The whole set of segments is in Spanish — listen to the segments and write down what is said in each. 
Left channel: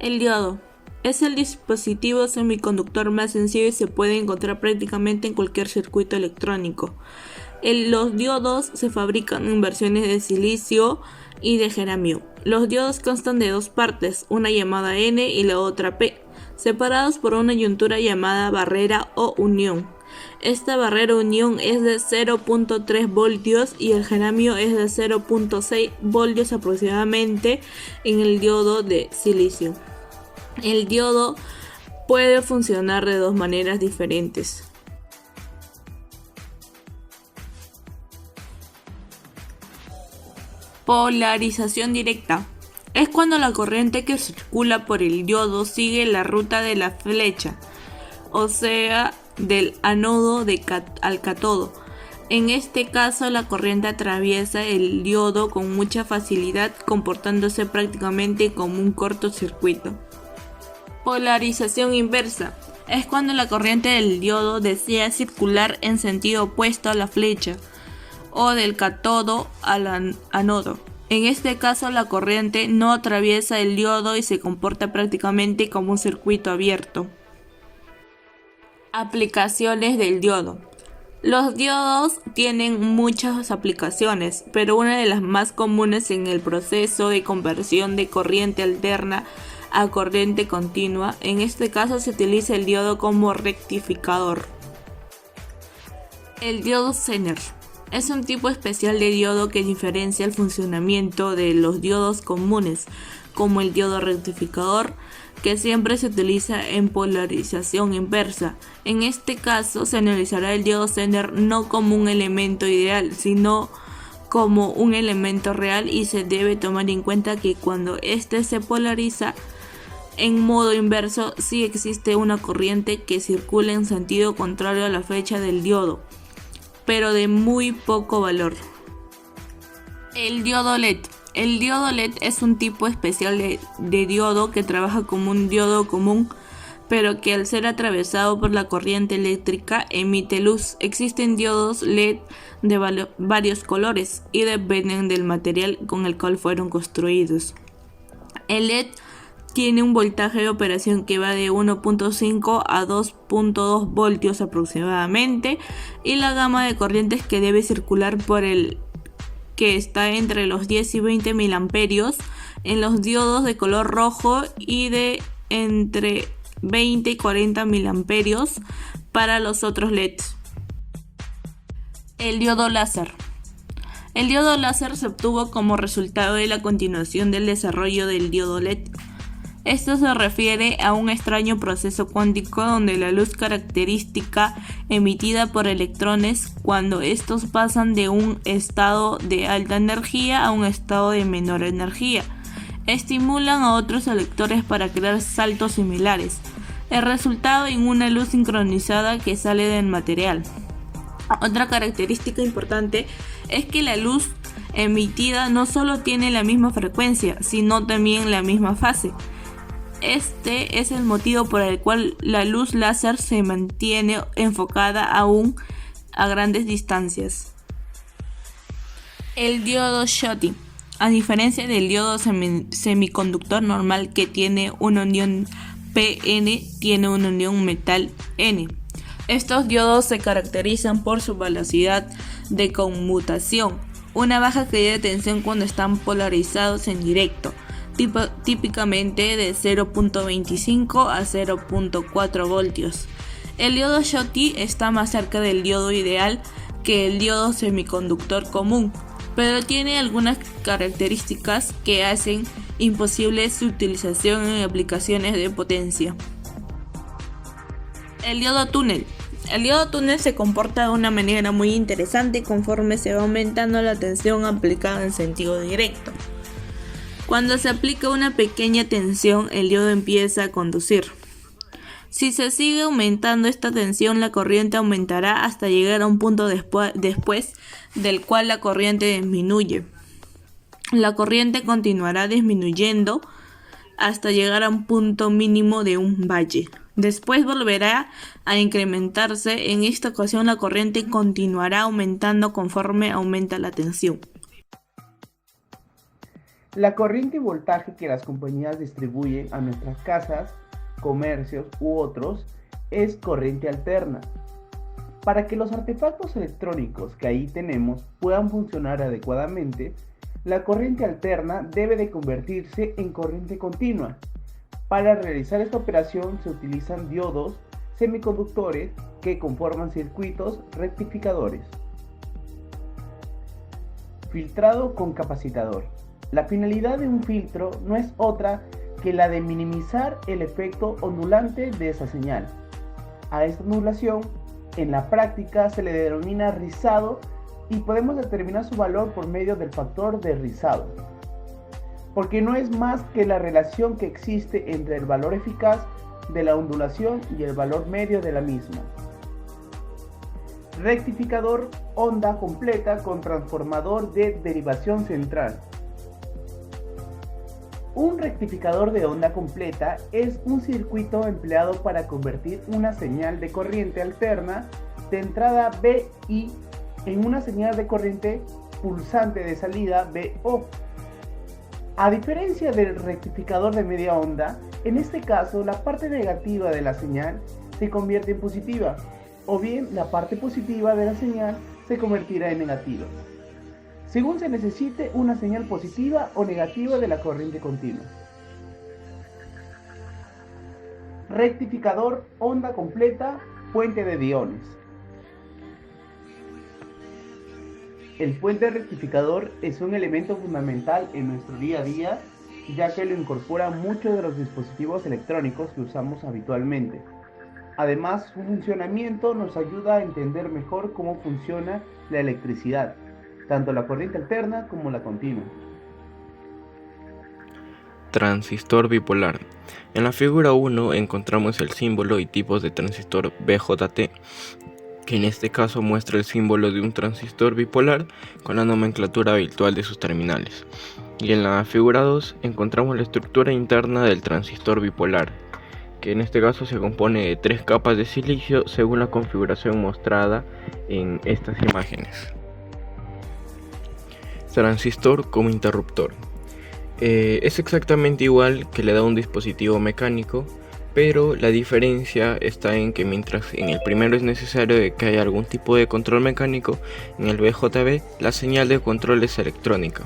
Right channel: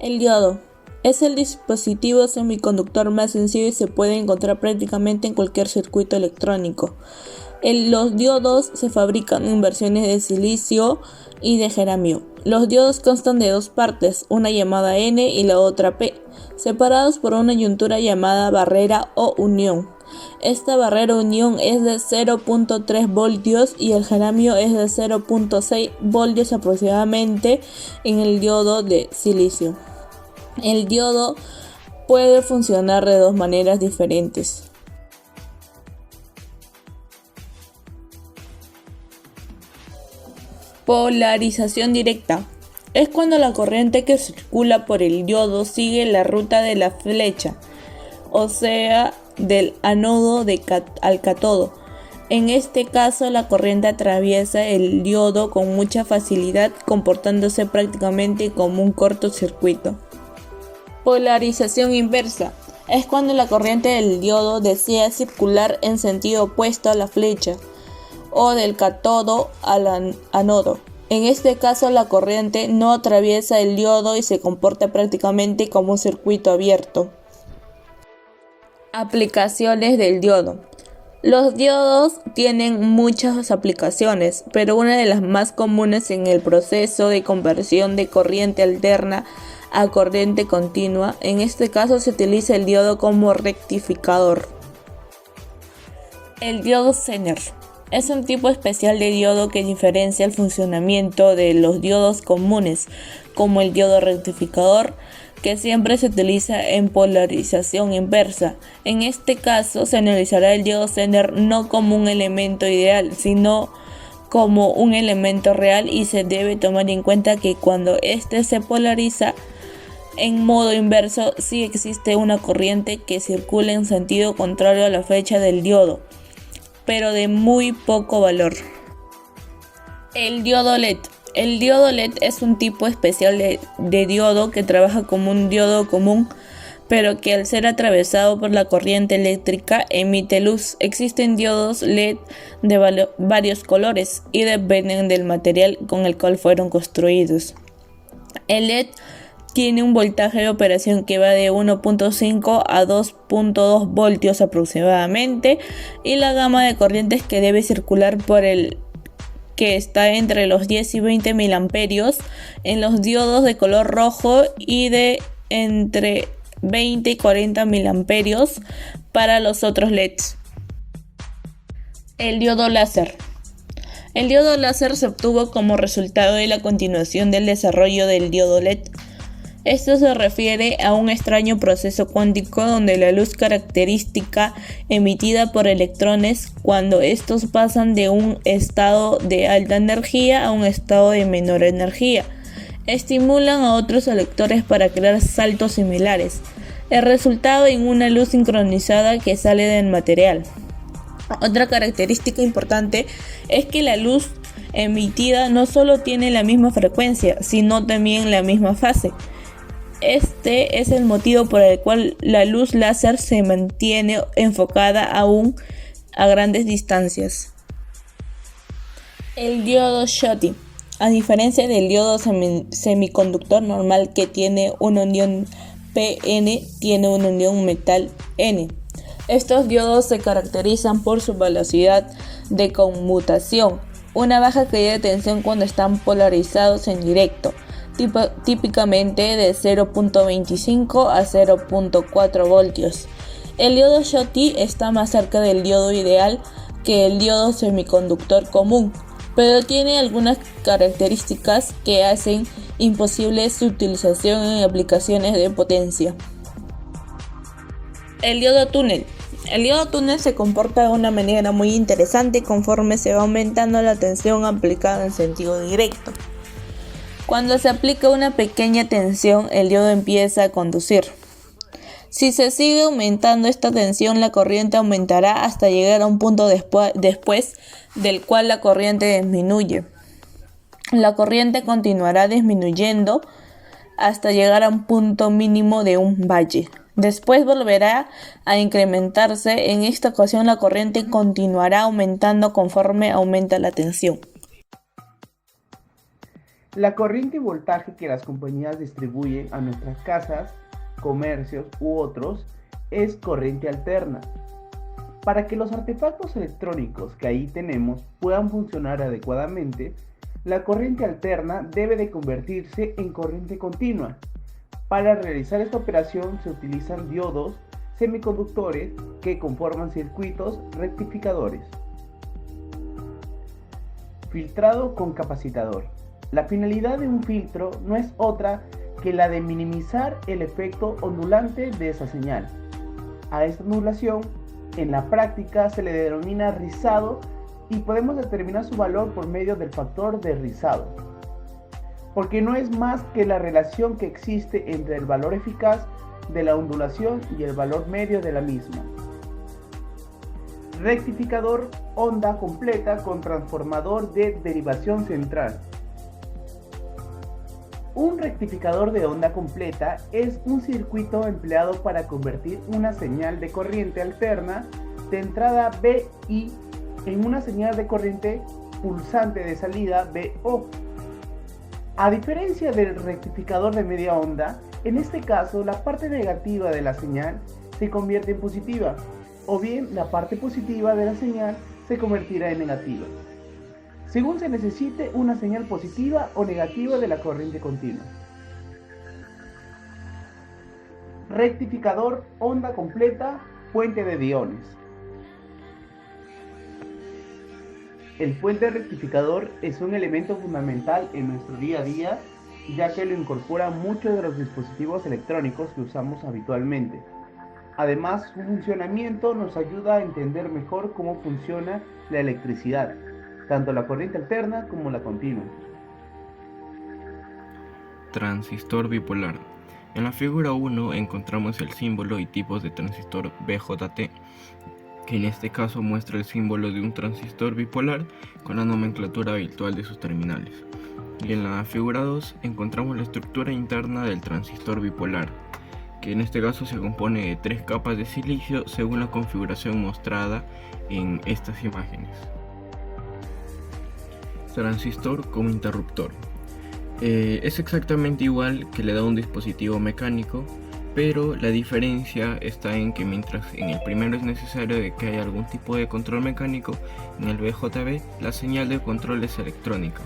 El diodo es el dispositivo semiconductor más sencillo y se puede encontrar prácticamente en cualquier circuito electrónico. Los diodos se fabrican en versiones de silicio y de geranio. Los diodos constan de dos partes, una llamada N y la otra P, separados por una yuntura llamada barrera o unión. Esta barrera unión es de 0.3 voltios y el geranio es de 0.6 voltios aproximadamente en el diodo de silicio. El diodo puede funcionar de dos maneras diferentes. Polarización directa. Es cuando la corriente que circula por el diodo sigue la ruta de la flecha, o sea, del ánodo al cátodo. En este caso, la corriente atraviesa el diodo con mucha facilidad, comportándose prácticamente como un cortocircuito. Polarización inversa. Es cuando la corriente del diodo desea circular en sentido opuesto a la flecha, o del cátodo al ánodo. En este caso, la corriente no atraviesa el diodo y se comporta prácticamente como un circuito abierto. Aplicaciones del diodo. Los diodos tienen muchas aplicaciones, pero una de las más comunes en el proceso de conversión de corriente alterna a corriente continua. En este caso se utiliza el diodo como rectificador. El diodo Zener es un tipo especial de diodo que diferencia el funcionamiento de los diodos comunes, como el diodo rectificador, que siempre se utiliza en polarización inversa. En este caso se analizará el diodo Zener no como un elemento ideal, sino como un elemento real, y se debe tomar en cuenta que cuando éste se polariza en modo inverso, sí existe una corriente que circula en sentido contrario a la flecha del diodo, pero de muy poco valor. El diodo LED. El diodo LED es un tipo especial de diodo que trabaja como un diodo común, pero que al ser atravesado por la corriente eléctrica emite luz. Existen diodos LED de varios colores y dependen del material con el cual fueron construidos. El LED tiene un voltaje de operación que va de 1.5 a 2.2 voltios aproximadamente, y la gama de corrientes que debe circular por el que está entre los 10 y 20 miliamperios en los diodos de color rojo y de entre 20 y 40 miliamperios para los otros LEDs. El diodo láser. El diodo láser se obtuvo como resultado de la continuación del desarrollo del diodo LED. Esto se refiere a un extraño proceso cuántico donde la luz característica emitida por electrones, cuando estos pasan de un estado de alta energía a un estado de menor energía, estimulan a otros electrones para crear saltos similares. El resultado en una luz sincronizada que sale del material. Otra característica importante es que la luz emitida no solo tiene la misma frecuencia, sino también la misma fase. Este es el motivo por el cual la luz láser se mantiene enfocada aún a grandes distancias. El diodo Schottky. A diferencia del diodo semiconductor normal, que tiene una unión PN, tiene una unión metal N. Estos diodos se caracterizan por su velocidad de conmutación, una baja caída de tensión cuando están polarizados en directo, típicamente de 0.25 a 0.4 voltios. El diodo Schottky está más cerca del diodo ideal que el diodo semiconductor común, pero tiene algunas características que hacen imposible su utilización en aplicaciones de potencia. El diodo túnel. El diodo túnel se comporta de una manera muy interesante conforme se va aumentando la tensión aplicada en sentido directo. Cuando se aplica una pequeña tensión, el diodo empieza a conducir. Si se sigue aumentando esta tensión, la corriente aumentará hasta llegar a un punto después del cual la corriente disminuye. La corriente continuará disminuyendo hasta llegar a un punto mínimo de un valle. Después volverá a incrementarse. En esta ocasión la corriente continuará aumentando conforme aumenta la tensión. La corriente y voltaje que las compañías distribuyen a nuestras casas, comercios u otros es corriente alterna. Para que los artefactos electrónicos que ahí tenemos puedan funcionar adecuadamente, la corriente alterna debe de convertirse en corriente continua. Para realizar esta operación se utilizan diodos semiconductores que conforman circuitos rectificadores. Filtrado con capacitador. La finalidad de un filtro no es otra que la de minimizar el efecto ondulante de esa señal. A esta ondulación, en la práctica, se le denomina rizado y podemos determinar su valor por medio del factor de rizado, porque no es más que la relación que existe entre el valor eficaz de la ondulación y el valor medio de la misma. Rectificador, onda completa con transformador de derivación central. Un rectificador de onda completa es un circuito empleado para convertir una señal de corriente alterna de entrada VI en una señal de corriente pulsante de salida VO. A diferencia del rectificador de media onda, en este caso la parte negativa de la señal se convierte en positiva, o bien la parte positiva de la señal se convertirá en negativa, según se necesite una señal positiva o negativa de la corriente continua. Rectificador, onda completa, puente de diones. El puente rectificador es un elemento fundamental en nuestro día a día, ya que lo incorpora muchos de los dispositivos electrónicos que usamos habitualmente. Además, su funcionamiento nos ayuda a entender mejor cómo funciona la electricidad, tanto la corriente alterna como la continua. Transistor bipolar. En la figura 1 encontramos el símbolo y tipos de transistor BJT, que en este caso muestra el símbolo de un transistor bipolar con la nomenclatura habitual de sus terminales. Y en la figura 2 encontramos la estructura interna del transistor bipolar, que en este caso se compone de 3 capas de silicio según la configuración mostrada en estas imágenes. Transistor como interruptor. Es exactamente igual que le da un dispositivo mecánico, pero la diferencia está en que mientras en el primero es necesario que haya algún tipo de control mecánico, en el BJB la señal de control es electrónica.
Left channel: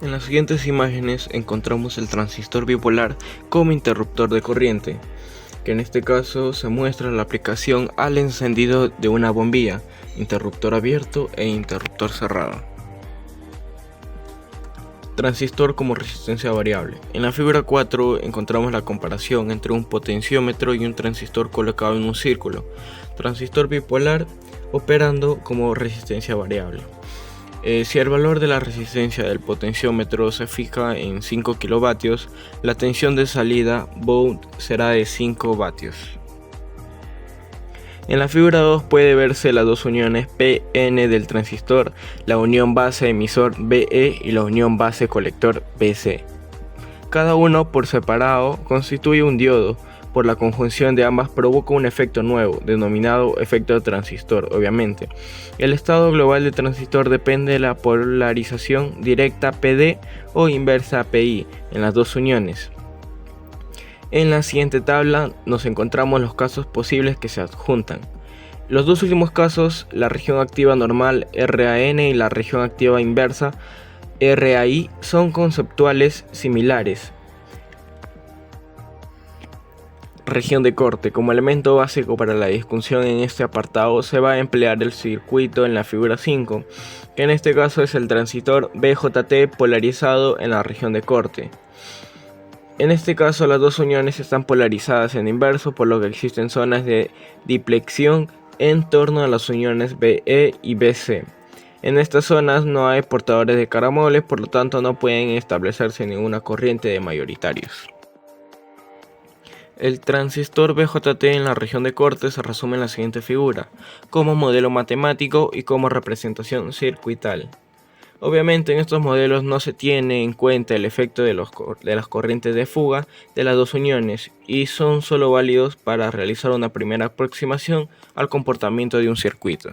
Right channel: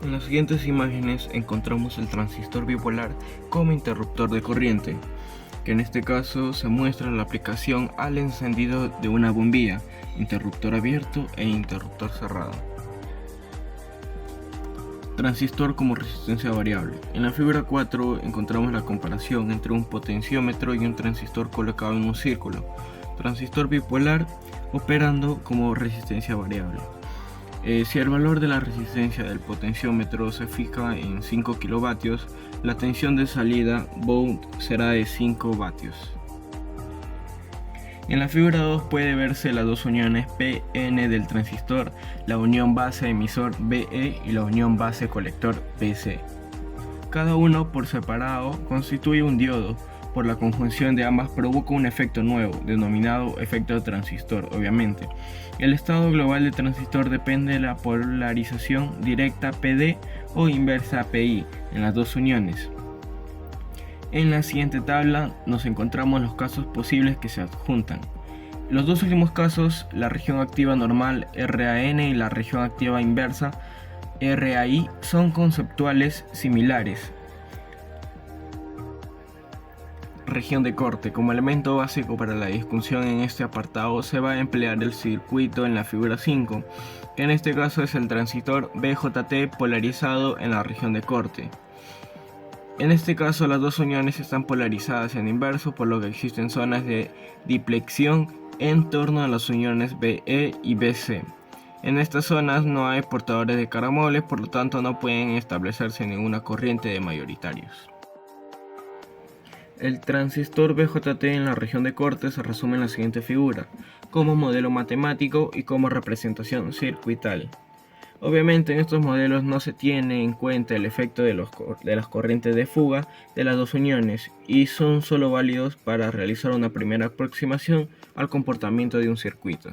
En las siguientes imágenes encontramos el transistor bipolar como interruptor de corriente, que en este caso se muestra la aplicación al encendido de una bombilla, interruptor abierto e interruptor cerrado. Transistor como resistencia variable. En la figura 4 encontramos la comparación entre un potenciómetro y un transistor colocado en un círculo. Transistor bipolar operando como resistencia variable. Si el valor de la resistencia del potenciómetro se fija en 5 kilovatios, la tensión de salida Vout será de 5 vatios. En la figura 2 puede verse las dos uniones PN del transistor, la unión base emisor BE y la unión base colector BC. Cada uno por separado constituye un diodo. Por la conjunción de ambas provoca un efecto nuevo, denominado efecto de transistor, obviamente. El estado global del transistor depende de la polarización directa PD o inversa PI en las dos uniones. En la siguiente tabla nos encontramos los casos posibles que se adjuntan. Los dos últimos casos, la región activa normal RAN y la región activa inversa RAI, son conceptuales similares. Región de corte. Como elemento básico para la discusión en este apartado se va a emplear el circuito en la figura 5, que en este caso es el transistor BJT polarizado en la región de corte. En este caso las dos uniones están polarizadas en inverso, por lo que existen zonas de diplexión en torno a las uniones BE y BC. En estas zonas no hay portadores de caramoles, por lo tanto no pueden establecerse ninguna corriente de mayoritarios. El transistor BJT en la región de corte se resume en la siguiente figura, como modelo matemático y como representación circuital. Obviamente en estos modelos no se tiene en cuenta el efecto de las corrientes de fuga de las dos uniones y son solo válidos para realizar una primera aproximación al comportamiento de un circuito.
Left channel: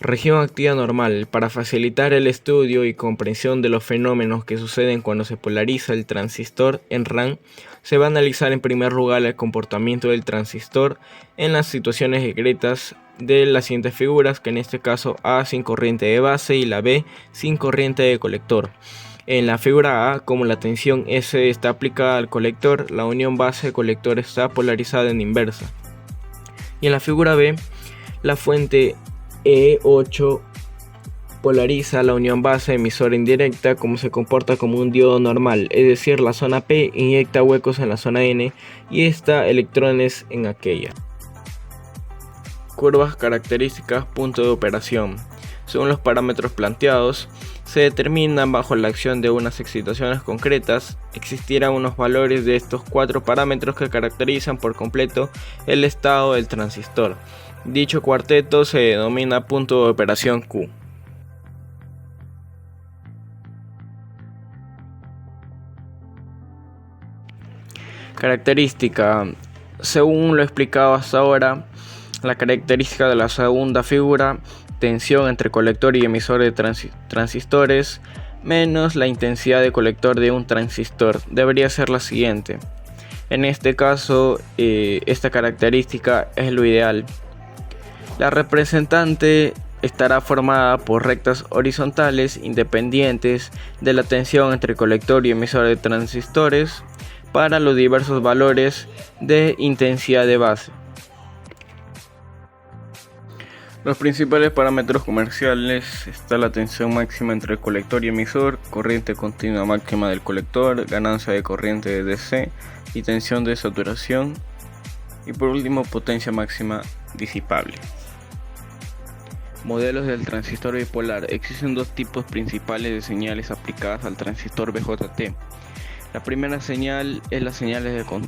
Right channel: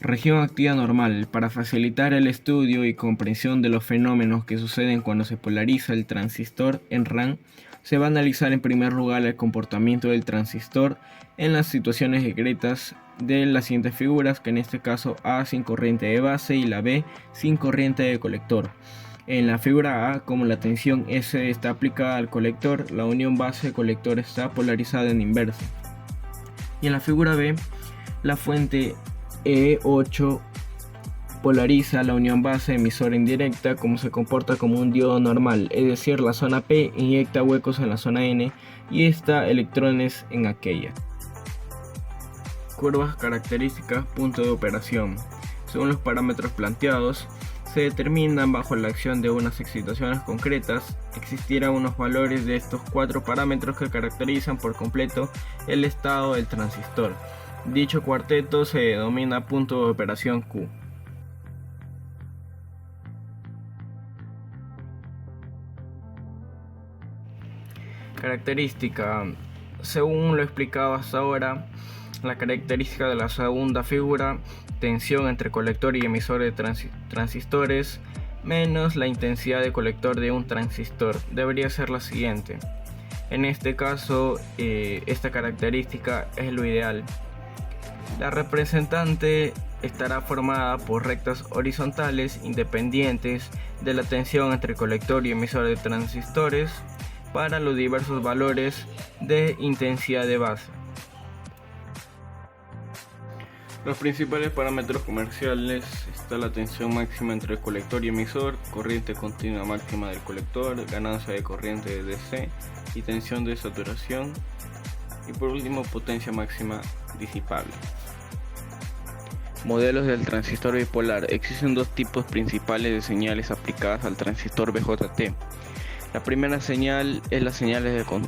Región activa normal. Para facilitar el estudio y comprensión de los fenómenos que suceden cuando se polariza el transistor en RAM, se va a analizar en primer lugar el comportamiento del transistor en las situaciones discretas de las siguientes figuras, que en este caso A sin corriente de base y la B sin corriente de colector. En la figura A, como la tensión S está aplicada al colector, la unión base-colector está polarizada en inversa. Y en la figura B, la fuente E8 polariza la unión base emisora indirecta, como se comporta como un diodo normal, es decir, la zona P inyecta huecos en la zona N y esta electrones en aquella. Curvas características, punto de operación. Según los parámetros planteados, se determinan bajo la acción de unas excitaciones concretas. Existirán unos valores de estos 4 parámetros que caracterizan por completo el estado del transistor. Dicho cuarteto se denomina punto de operación Q. Característica. Según lo explicado hasta ahora, la característica de la segunda figura, tensión entre colector y emisor de transistores menos la intensidad de colector de un transistor, debería ser la siguiente. En este caso, esta característica es lo ideal. La representante estará formada por rectas horizontales independientes de la tensión entre colector y emisor de transistores para los diversos valores de intensidad de base. Los principales parámetros comerciales está la tensión máxima entre el colector y emisor, corriente continua máxima del colector, ganancia de corriente de DC y tensión de saturación, y por último potencia máxima disipable. Modelos del transistor bipolar. Existen 2 tipos principales de señales aplicadas al transistor BJT. La primera señal es las señales de control.